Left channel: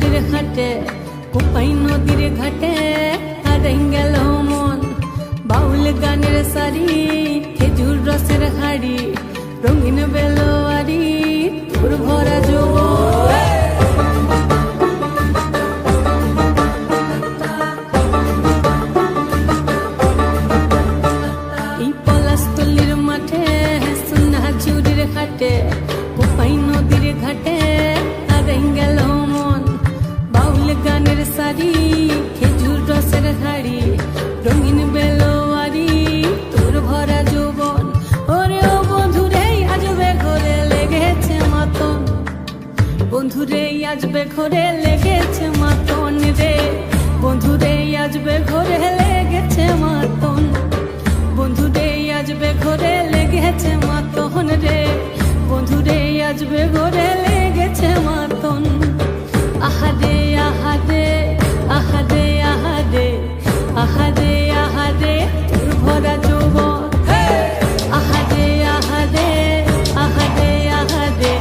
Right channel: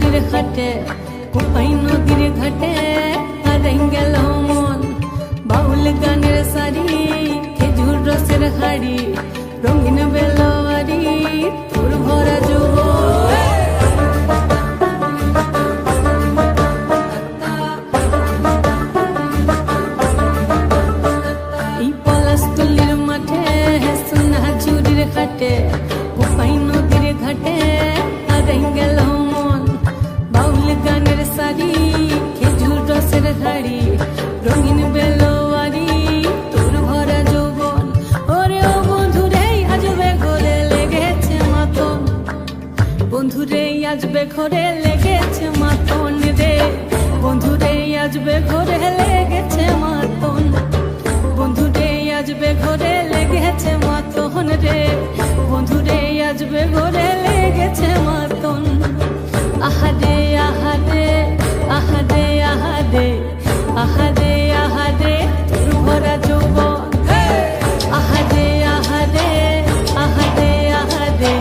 ঝুড়ির হাটে কোপাই নদীর ঘাটে হারাই গেল মন। বাউল গানের সারি খেজুর রসের হাড়ি রঙিন বেলোয়ারি তোর ভরা যৌবন। এই পলাশতলির মাঠে সোনা ঝুড়ির হাটে কোপাই নদীর ঘাটে হারাই গেল মন। বাউল গানের সারি খেজুর রসের হাড়ি রঙিন বেলোয়ারি তোর ভরা যৌবন। ওরে ও বন্ধুরে আজবে ঘরে লেগেছে মাতন, বন্ধুরে আজবে ঘরে লেগেছে মাতন রে, বন্ধুরে আজবে ঘরে লেগেছে মাতন, বন্ধুরে আজবে ঘরে লেগেছে মাতন রে, বন্ধুরে আজবে ঘরে লেগেছে মাতন। আহারে আহারে আহারে আহারে আহারে আহারে তোর ভরা যৌবন। আহারে আহারে আহারে আহারে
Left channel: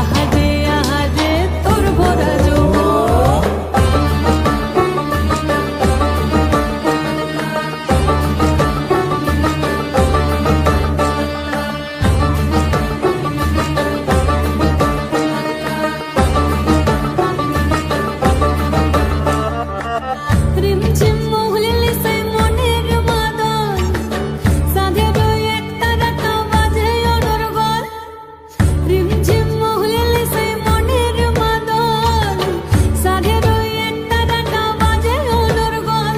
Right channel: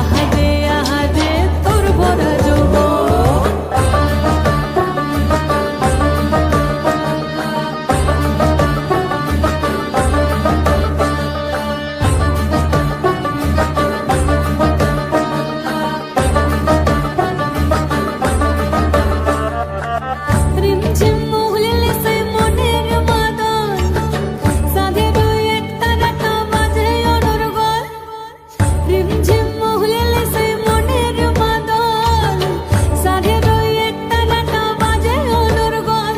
আহারে আহারে তোর ভরা যৌবন। রিমঝিম মহুলিলে সেই মনের মাদন, সাধের এক তারাটা বাজে অনর্গল। রিমঝিম মহুলিলে সেই মনের মাদন, সাধের এক তারাটা বাজে অনর্গল।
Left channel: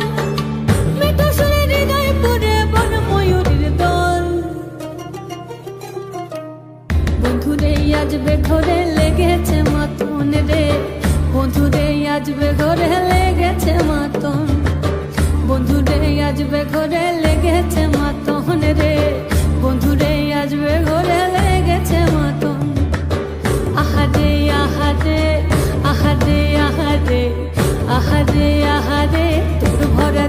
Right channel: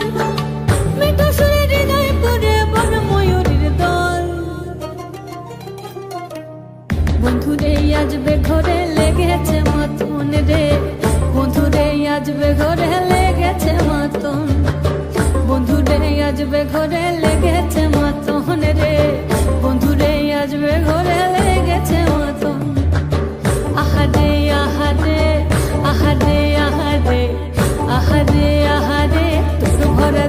মিঠো সুরে হৃদয় পুরে বন ময়ূরীর দল। বন্ধুরে আজবে ঘরে লেগেছে মাতন রে, বন্ধুরে আজবে ঘরে লেগেছে মাতন, বন্ধুরে আজবে ঘরে লেগেছে মাতন রে, বন্ধুরে আজবে ঘরে লেগেছে মাতন। আহারে আহারে আহারে আহারে আহারে আহারে তোর ভরা